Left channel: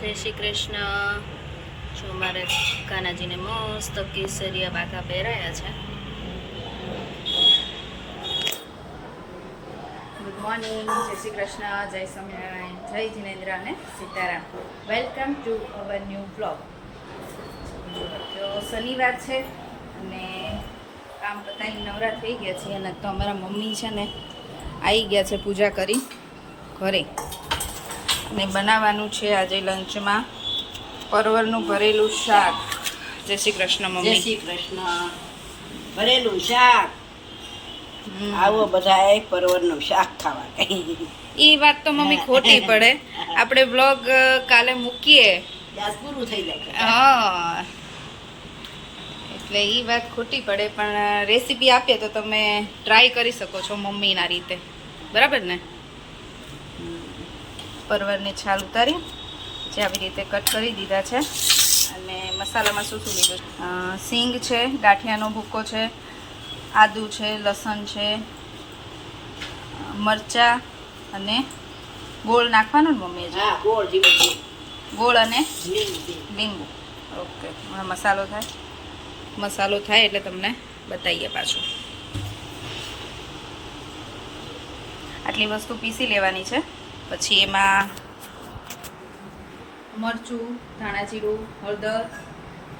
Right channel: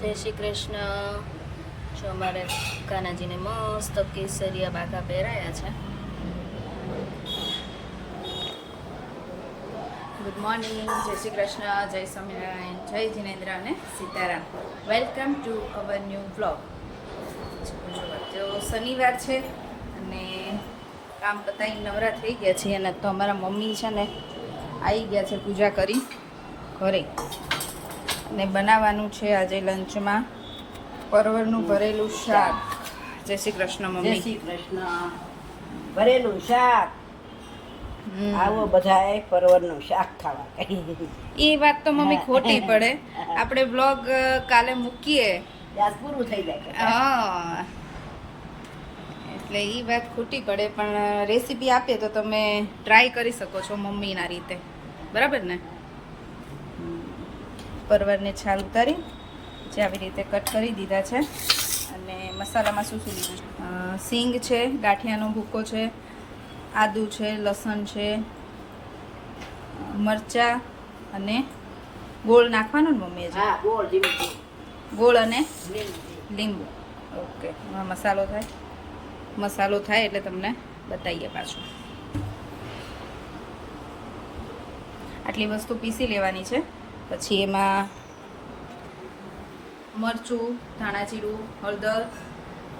જય શ્રી કૃષ્ણ. જો અમારે કાનાજીને મસ્ત કેસરિયા બાકા પહેરાયા છે. ગુડ મોર્નિંગ, જય શ્રી કૃષ્ણ, જય સ્વામિનારાયણ, જય જિનેન્દ્ર અને Sitaram. Welcome to our new blog. જો શનિવાર છે અને કામ પતાવી નવરા થઈ ગયા છીએ અને તો અમારા મમ્મી છે ને આવી ગયા છે પૂજા કરી ઘરે. અને બનાવવાનું છે આજે લંચમાં પરવરનું ભરેલું શાક. જય શ્રી કૃષ્ણ મમ્મી. જય શ્રી કૃષ્ણ. ભરેલું શાક. આવો બધા પરવરનું શાક ખાવા. એ વાત તો મમ્મી ખોટી પડે. આપણે બ્લોગ કાલે મૂકીએ ગેસ પૂરું થઈ જાય. હા, એટલે એ વાત ખોટી પડે, પણ રેસીપી આપીએ તો તમે ટ્રાય કરી શકો છો મમ્મીના રીતે, બરાબર ને? પરવરને છાલ ઉતારી જે આવી રીતે કટ કરી દીધા છે. અને મસાલામાં શું શું લીધું? સિંગ છે, ગાંઠિયાનો ભૂકો છે, આદુ છે, લસણ છે, મરચાં અને ગોળ નાખવાનો ને મમ્મી? હા, ગોળ જીરું, ગોળ અને લીંબુ. લીંબુ. ઓકે, મસાલો થાય. મસાલો થાય એટલે તમને બતાવીએ પાછું. આટલી વસ્તુ પીસી લેવાની છે. પછી એમાં મરચું, ધાણા જીરું, હળદર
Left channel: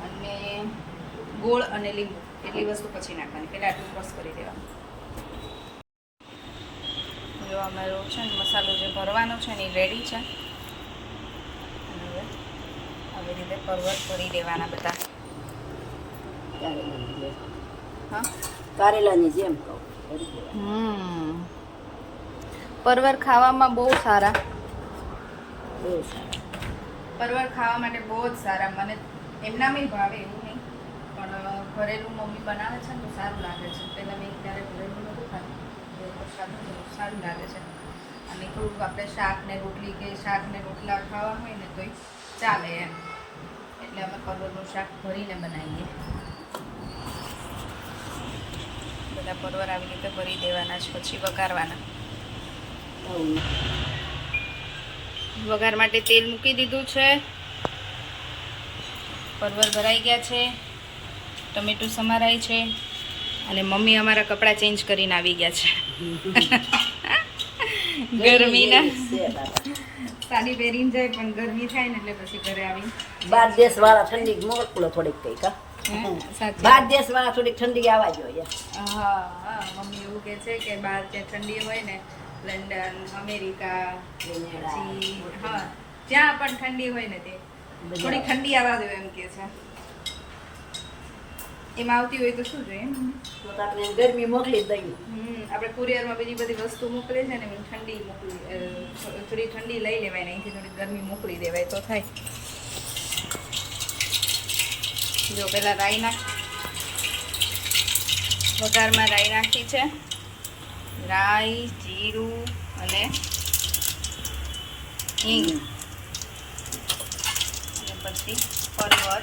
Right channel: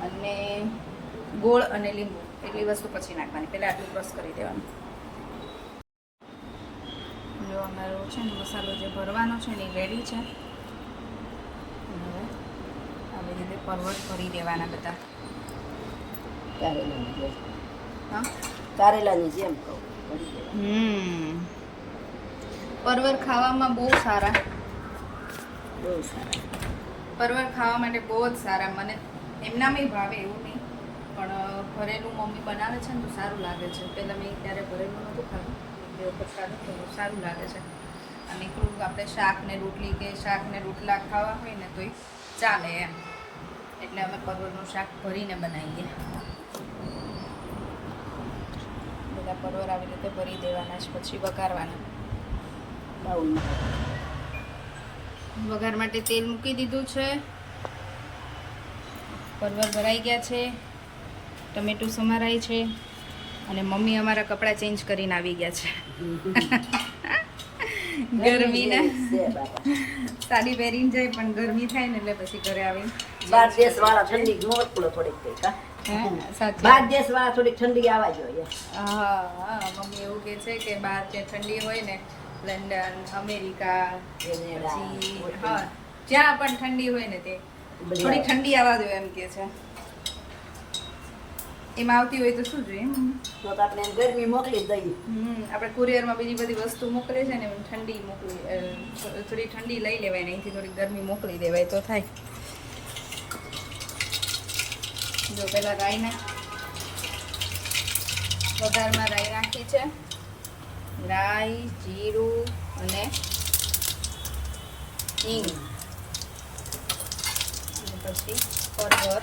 અને ગોળ અને લીંબુ એટલી વસ્તુ પછી નાખવાની. પહેલાં આટલું ક્રશ કરી દેવાનું. જો અમારો છે ને મસાલો જે ભરવાનો છે ને એ રેડી છે. અને હવે આવી રીતે પરવર ભરી દેવાના બધા. હા, કારેલાની જેમ. પરવર ખાવામાં બહુ સારા. બહુ સારા. પરવર ખાવા માટે બહુ જ સારા. મને એમનામાં ભાવે એવું નહીં, પણ ભરેલું મમ્મી બનાવે છે ને તો સારું લાગે છે. પહેલાં મેં ક્યારે ભરેલું નહોતું ખાધું, એ વખત ખાધું તો સારું લાગે છે. અને થોડુંક આપણે શાક ને રોટલી કે શાક ને રોટલા ખાવા હોય ને તોય ચાલે એમ. એટલે અમે પરવરનું શાક ભરીને બનાવીએ. બધા પરવર આવી રીતે ભરી દેવાના છે, પછી વઘારવાના. વઘાર માટે તેલ મૂકી દીધું છે. પરવર ભરાઈ ગયા છે, ટમેટું સમારાય છે અને મમ્મી અમારા કપડાં ચેન્જ કરીને આવી ગયા છે. ગરમીના સાડી પહેરીને જાય પણ ગરમી થાય ને એટલે પછી ઘરે આવીને બાર દેશ વાળા ઠંડી મોકલો થોડીક કઈ કા. સાચી. બાર દેશ વાળા થોડીક ઠંડી આવવા જોઈએ. હા, મમ્મી એવું કહે છે કે બહાર ત્યાં ઠંડી હોય ને, લંડન, અમેરિકા, પછી હા જ્યાં પણ ઠંડી હોય ને તે થોડી ઠંડી આવવા દો એમ કે છે. એમાં આવતી હોય તો શું જોઈએ? તો આપણે ગરમી મોકલી દઈએ. આપણે કુરિયરમાં બીજી બધી વસ્તુ મોકલે છે ને, ઠંડી મોકલી, થોડી ઠંડી લઈ લેવાય ને અહીંથી થોડી ગરમી મોકલી દેવાય તો થાય. જો પેલા રાઈ વઘારમાં રાઈ નાખી છે. રાઈ, જીરું અને હિંગ. અને પછી પરવર.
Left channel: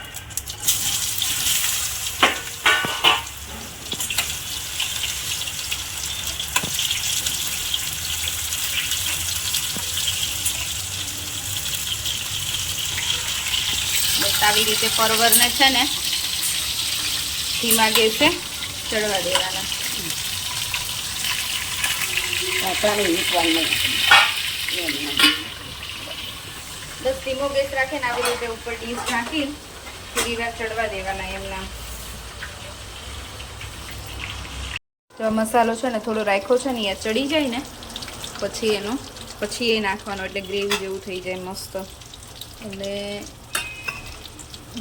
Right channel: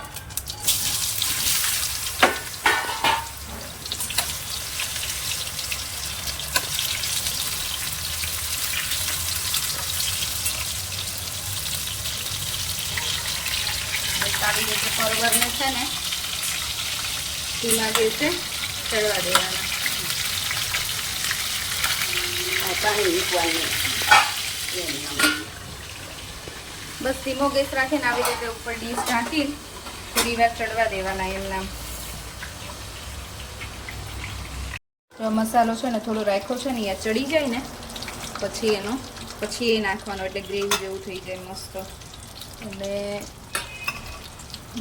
બસ આવી રીતે પરવરને છે ને ધીમા ગેસે ચડવા દેવાના. બસ ધીમો ગેસ રાખીને આવી રીતે ઉપર ડીશ નાખી થોડી વાર ચડવા દેવાના એમના. જો મસાલો છે ને થોડો રાખ્યો છે ને અહીંયા ચડી જાય ને પછી એ નાખવાનો, એટલે ગ્રેવી જેવું થઈ જાય મસ્ત. એટલે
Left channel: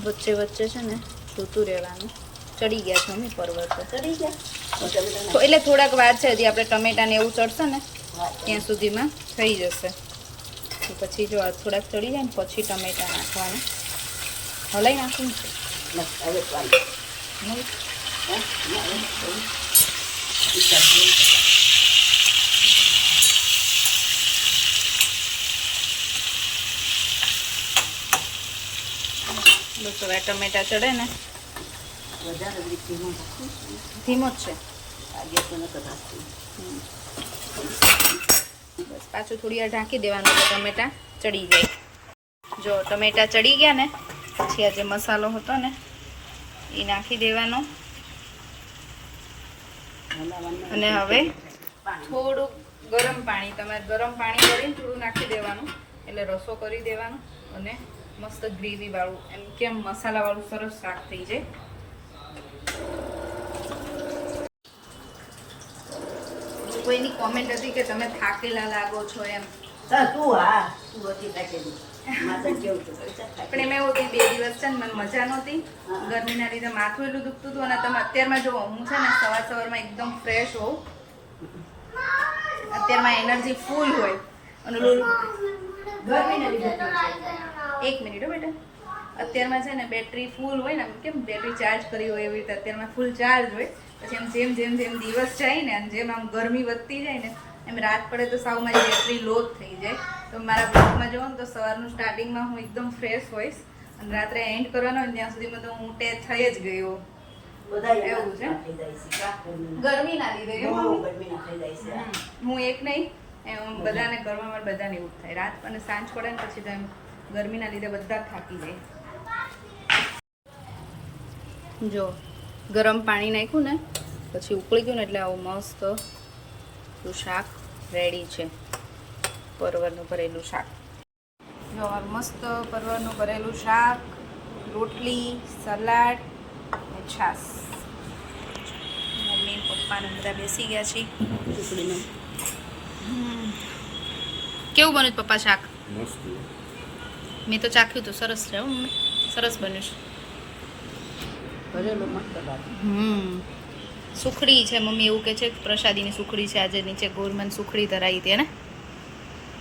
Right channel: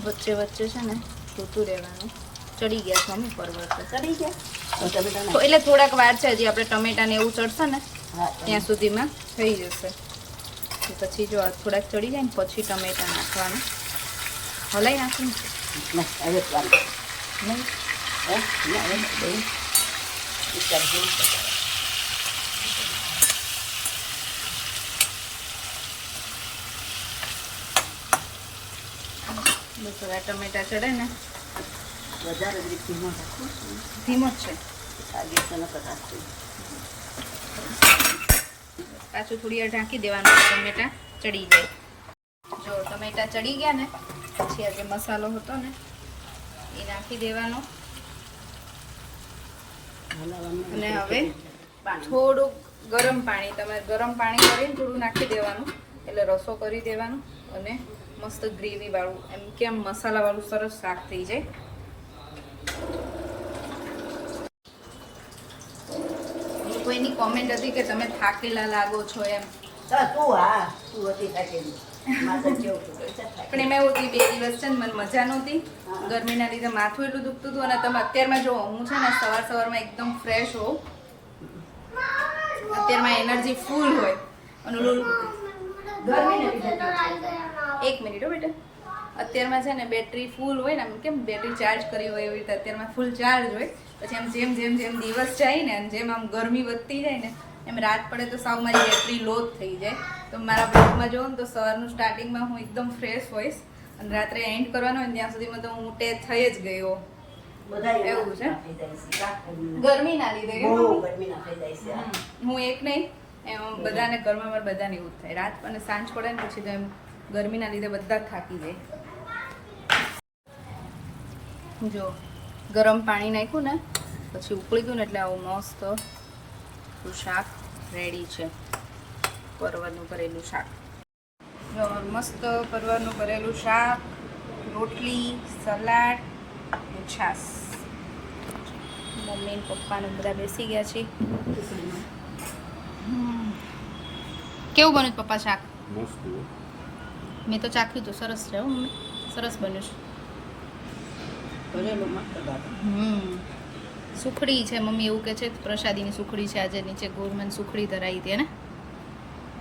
વચ્ચે વચ્ચે છે ને જોતું રહેવાનું. ચડી ગયા છે મમ્મી પરવર તો. ચડી ગયા એટલે થોડાક વાર છે, હજી આપણે ટમેટા ને એવું ચડશે ને ત્યાં સુધીમાં થઈ જશે. પછી જો આ થોડાક ચડી જાય ને પછી ટમેટા નાખવાના. હલાઈ નાખવું બસ. હવે ટમેટા ચડે ને ધીમો જ છે. બસ પાછું થોડી વાર ઢાંકી દેવાનું, ટમેટા ચડી જાય. જો ટમેટા ચડી ગયા ને પછી આ જે મસાલો હતો ને એ નાખી દેવાનો. અને હવે થોડુંક ગરમ પાણી, તમે ગરમ પાણી કરીને થોડું નાખી દેવાનું એટલે રસો કરી દેવાનો અને મસ્ત ગ્રેવી વાળું એમ કેમ મસાલા વાળું સરસ શાક થઈ જાય. કોઈની કોમેન્ટ હતી કે તમે થાકેલા લાગો છો એમ, પણ એમાં એવું હતું 2 દિવસ છે ને મને મજા નહોતી, ગરમીના લીધે માથું એટલું દુખતું હતું. અને તમે અત્યારમાં જો હું છે ને સવારમાં એકદમ ફ્રેશ હોઉં, અત્યારમાં એનર્જી ફૂલ હોય અને ગરમીના લીધે 1 મિનિટ હો બેટા, અત્યારમાં છે ને બેટરી ફૂલ હોય ને, આમ કેમ બેટરી ચાર્જ કરી હોય એવી રીતે અત્યારમાં ફૂલ ચાર્જ હોય. પછી આમ જેમ જેમ જેમ દિવસ જાય ને અને જેમ આમ ગરમી વધતી જાય ને એમ રાત પડે તો સાવ મારી બેટરી લો જ થઈ જાય. તો મારા બ્લોગમાં જોવો ને તો સવારનું સ્ટાર્ટિંગમાં હું એકદમ ફ્રેશ હોઈશ અને રાત્રે એન્ડ કરવાનો હોય ત્યાં સુધીમાં તો હું ટેચ થઈ જ ગયો. એવું છે ગરમીના લીધે. હું એક નહીં, એમ બધાને ઘરમાં મારે બધાને એવું જ થાય. રાત અને સાંજ પડે ને પછી તો એમ ગરમીના લીધે બધા થાકી જાય. જો ગરમ પાણી નાખ્યું ને પછી ઉકળી ગયું ને એટલે આવું મસ્ત શાક રેડી છે. પરવરનું ભરેલું શાક. જો મસ્ત પરવરનું ભરેલું શાક, રોટલી, સલાડ અને છાશ. મમ્મી ને પપ્પાને બધા બેસી ગયા છે. ટુકડીનું કેવું બન્યું પપ્પા શાક? મસ્ત. મેં તો ચાખ્યું તો સરસ છે મમ્મી, સરસ બન્યું છે. સુખડી છે મમ્મી એવું કે છે, પ્રસાદીની સુખડી છે. આજે નીચે ગોરમાન સુખડી ધરાઈ હતી ને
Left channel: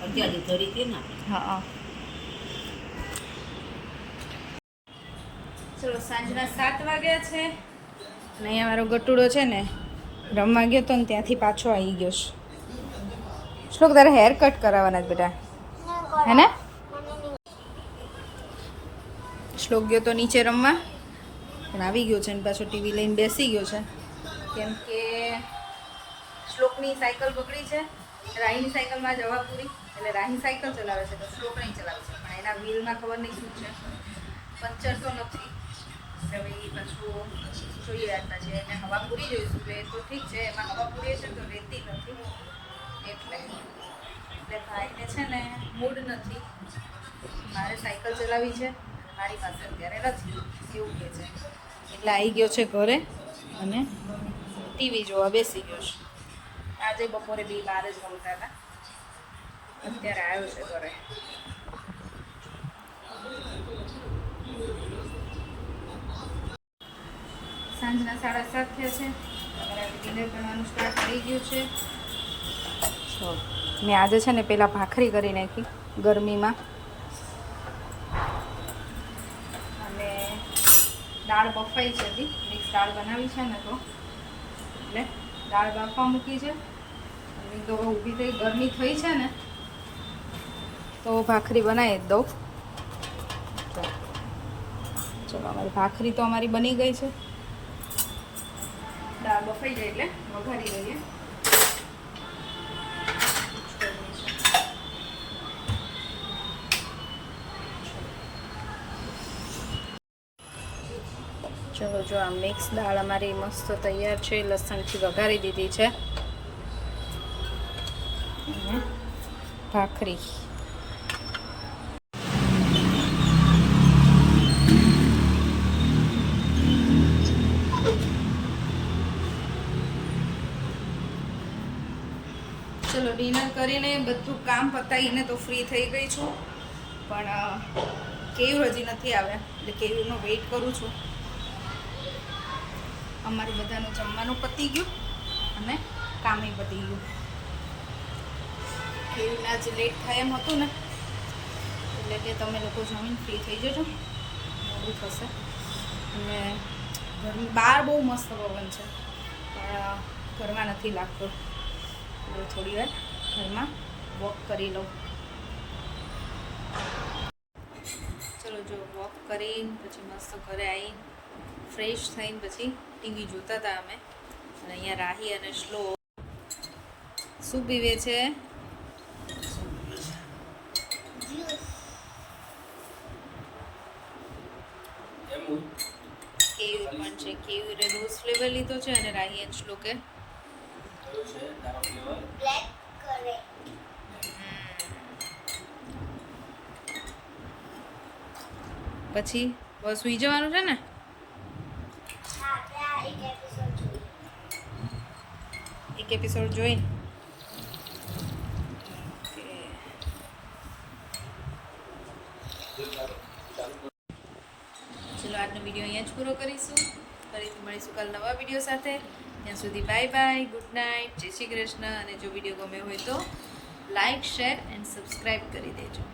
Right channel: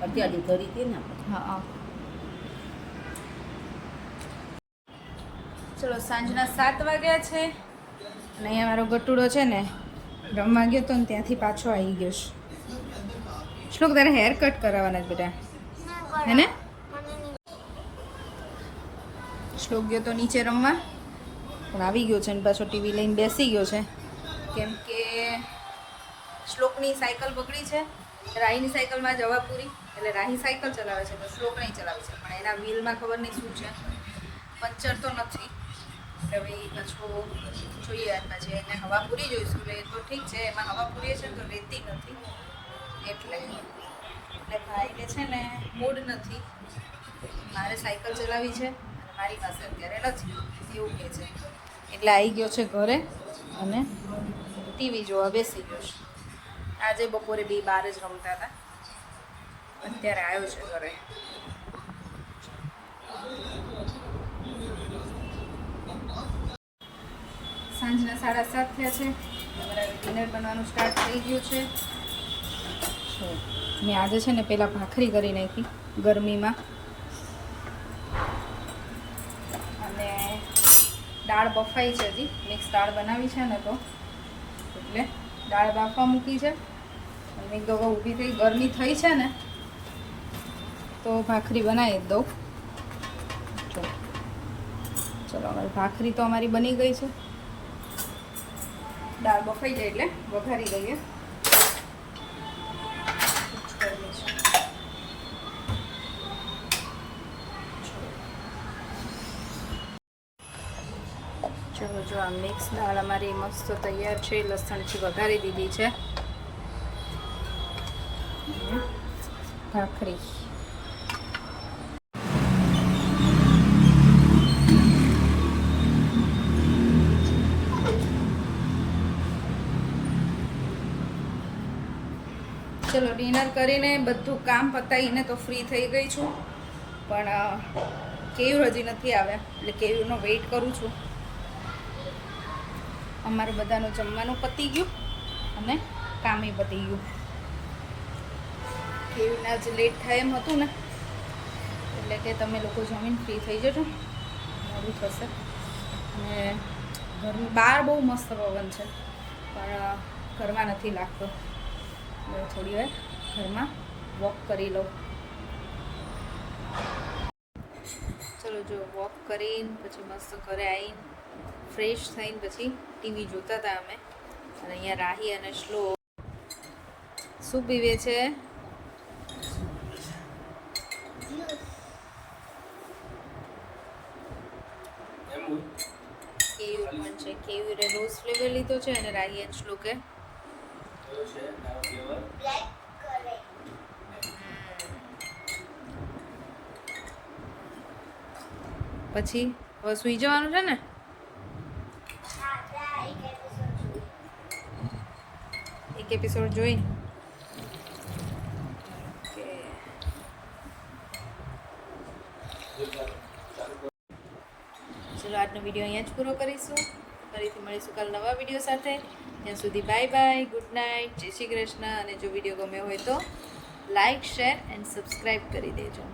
અત્યારે ધરી હતી ને. હા. ચલો સાંજના 7 વાગ્યા છે અને અહીંયા મારો ગટુડો છે ને રમવા ગયો તો ને ત્યાંથી પાછો આવી ગયો છે. શ્લોક તારે હેર કટ કરાવવાના જ બેટા, હે ને? શ્લોક ગયો તો નીચે રમવા પણ આવી ગયો છે ને પાછો ટીવી લઈને બેસી ગયો છે. કેમ કે શ્લોકની સાયકલ બગડી છે, રાહીની સાયકલમાં જ હવા પૂરી, એટલે રાહી સાયકલ ચલાવે છે તો શ્લોક નહીં ચલાવે છે. પણ એના વ્હીલમાં ખબર નહીં શું છે, પંચર તો નથી. હવે એ પાછું જોઈએ પછી એને હવા પૂરી જોઈશું. એટલે તો ઠીક છે, એમાં હવા પૂરી છે તો રહેતી નથી એટલે ભાઈને છે ને મૂડ નથી, મારે સાયકલ ચલાવી છે અને મારી પાસે અત્યારે નથી એવું કહે છે. એટલે આવી ગયો છે ઘરે અને ટીવી જોવા બેસી ગયો છે. આજે બપોરે 2 બહાર જ રમતા હતા, અત્યારે આવ્યો છે ઘરે. સાંજના 7:30 થયા છે. તમારા ડિનર બનવાનું સ્ટાર્ટ થઈ ગયું છે. મેં આજે છે ને પહેલાં ભાખરી કરી નાખી ગરમીમાં અને દાળ બફાઈ છે. હજી મિક્સ દાળ બનાવી છે ને તો એટલે દાળ બાફવા મૂકી છે. અને હવે ઊભી થઈ, ગરમી થઈ છે ને તો ભાખરી બનાવી જ દઉં. ચલો અમારી ભાખરી તો અમારી બની ગઈ છે. દાળ બફાઈ જાય એટલે વઘારી દઈએ. ચલો જો આ મિક્સ દાળ અમારી મસ્ત તૈયાર છે. લસણથી વઘારી દીધી છે. અને ભાખરી. ચલો ડિનર કરીને બધું કામ પતાવીને તો ફ્રી થઈ ગઈ છું, પણ કેવું હજી નથી આવ્યા એટલે કેવુંનો વેઇટ કરું છું. અમારું બધાનું જમવાનું પતી ગયું અને કામે પતી ગયું. કેવીના જ લેટ થાય એમ હતું ને એટલે કે તમે લોકો જમીન ફ્રી થઈ જજો, મોડું થશે. અને ઘરની બહાર બહુ મસ્ત પવન છે પણ ઘરમાં નથી લાગતો. થોડી વાર ઘરમાં વોક કરી લઉં. ચલો જો વોક કરીને પછી મસ્ત ઘરે આવીને ફ્રેશ થઈને પછી ટીવી જોતા હતા અમે. અને અહીંયા રાહી અને શ્લોક શું પીવે છે? છે કેવી રોઝ ફ્લેવર લીધો છે અને રાહી એન્ડ શ્લોકે બ્લેક કરે પછી હવે સુઈ જવાનું છે ને હા ત્યાં એક એપિસોડ જોઈએ એક એપિસોડ જોઈ ઓકે ચલો આજનો વિડીયો અહીંયા જ પૂરો કરીશું ફરીથી મળીશું કાલ નવા વિડીયો સાથે ત્યાં સુધી બાય બાય ગુડ નાઇટ જય શ્રી કૃષ્ણ અને જો વિડીયો ગમ્યો હોય તો લાઈક શેર એન્ડ સબસ્ક્રાઈબ કરી દેજો